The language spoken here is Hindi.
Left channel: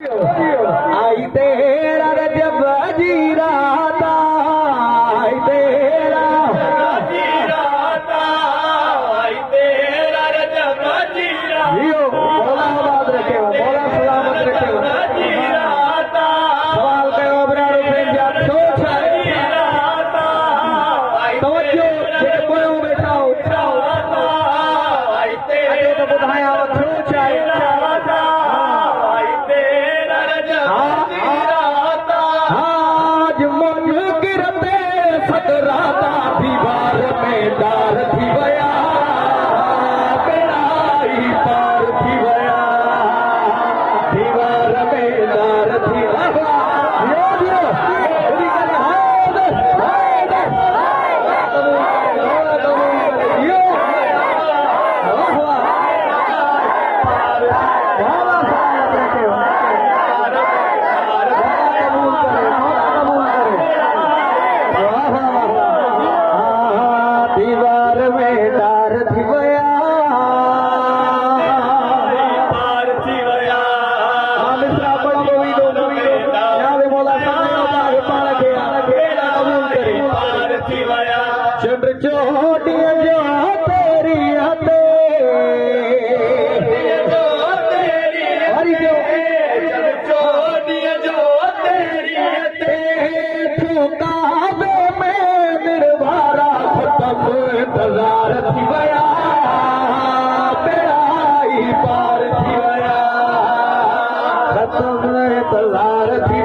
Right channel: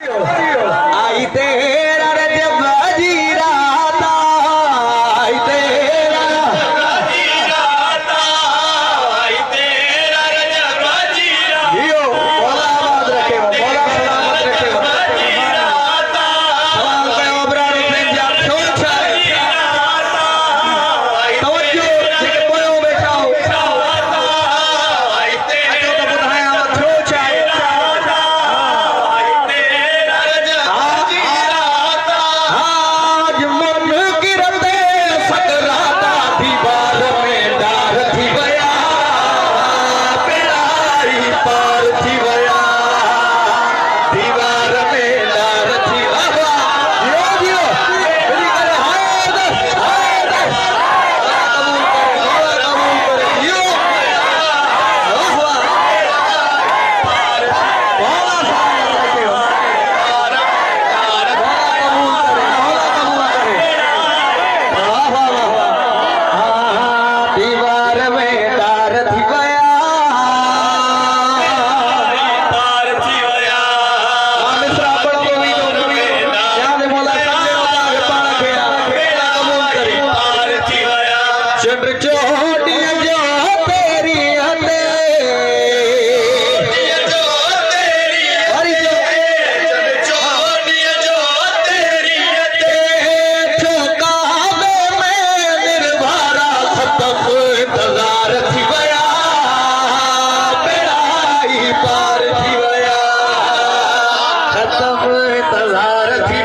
आई तेरा रजब जीराता, आई तेरा जीराता, आई तेरा रजब जीराता, जियो मौला आबाद रखे हो, मौला सलामत रखे हो। जीराता, सवाल कयो बरारो पंहिंजा सोच जीराता, आई तवज्जो जेके पोयों वेठा हो तेराता, आई अचो त ॿुधायां छो छा आहे। तेराता, आई तेरा रजब जीराता, आज मुनकिर ते सकराता दीवार में डार थी वया, बेड़ाई पार थी वया, दीवार में डार थी वया। दियो दियो जल्दी करे हाय दे कबूल करे दियो वाह वाह मौला साहब रखे हो, मौला कबूल करे वाह वाह वाह। दीवार में डार थी वया, पार थी वया, मिसरा बड़ा मोवी दो याद मौला साहब के पाण खे बेड़ा कबूल करे। पार थी वया, चंड चोॾीअ जो तेरी हथे जो तेरी हरी जो चोड़ीअ जो तेरी काबे में निर्भरा खतम इंतजार थी वया, बेड़ाई पार थी वया, खतम इंतजार थी